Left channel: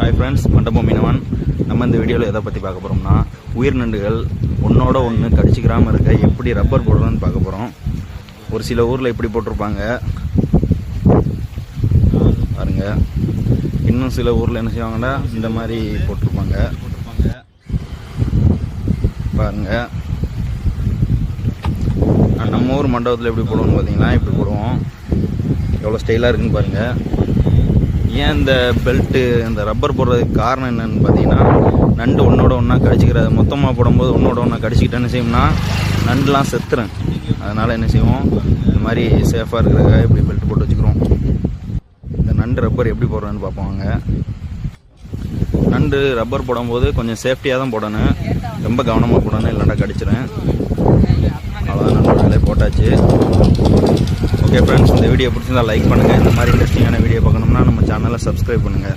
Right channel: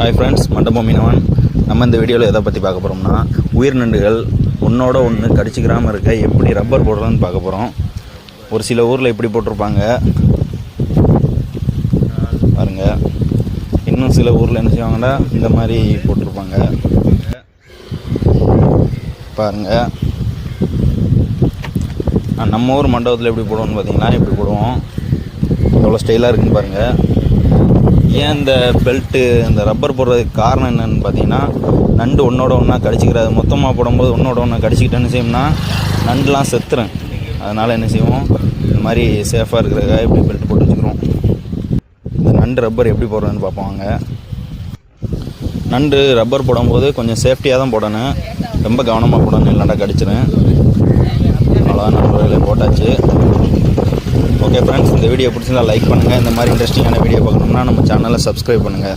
Hi friends, மண்டபம் மீனவன். நம்ம இந்த வீடியோவில் எதை பற்றி பார்க்க போகிறோம்னா, உயிர் நண்டுகள் ஒன்றோட ஒன்று கடிச்சிக்கிறாமல் இருக்க எப்படி ரப்பர் போடுறதுன்னு பார்க்க போகிறோம். ஒரு சில ஊரில் இப்படி போட்டிருப்பாங்க பாருங்க. இன்னும் சில ஊரில் என்ன செய்வாங்கன்னா இந்த மாதிரி போட்டிருப்பாங்க பாருங்க. நம்ம ஊர் மண்டபத்தில் எப்படி போடுவோம்னு பார்த்தீங்கன்னா இப்படி போடுவோம். எவ்வளோ ஸ்டைலாக இருக்குன்னு பாருங்கள். ஏன் இந்த பெல்ட்டு இந்த ரப்பர் போடுறதுக்கு காரணம் என்னென்னு பார்த்தீங்கன்னா, நண்டு ஒன்றோட ஒன்றா கடிச்சிக்கிறது. மொத்தமாக போடும்போது ஒன்றோட ஒன்றா கடிச்சிக்கிட்டேன்னு செய்வோம்னா நண்டுலாம் செத்துறேன். அதனால் என்ன செய்வோம், இந்த மாதிரி சேஃபாக இருக்கிறதுக்காக இப்படி பெல்ட் போட்டு வச்சுக்கிறோம். இந்த நண்டு ரப்பர் எப்படி போடுறதுன்னு பார்ப்போங்க. நண்டு ரப்பர் போடும்போது கொஞ்சம் சேஃப்டியாக தான் போடணும், ரொம்ப கவனமாக போடணும், இல்லைண்டா கடிச்சிடும். அவ்வளோதான், நண்பர்களே போட்டாச்சு. ஓகே ஃப்ரெண்ட்ஸ், இந்த வீடியோ பிடிச்சிருந்தா லைக் பண்ணுங்கள். இந்த மாதிரி இன்ட்ரெஸ்டிங்கான வீடியோ பார்க்கணும்னா நம்ம சேனலை சப்ஸ்கிரைப் பண்ணுங்கள்.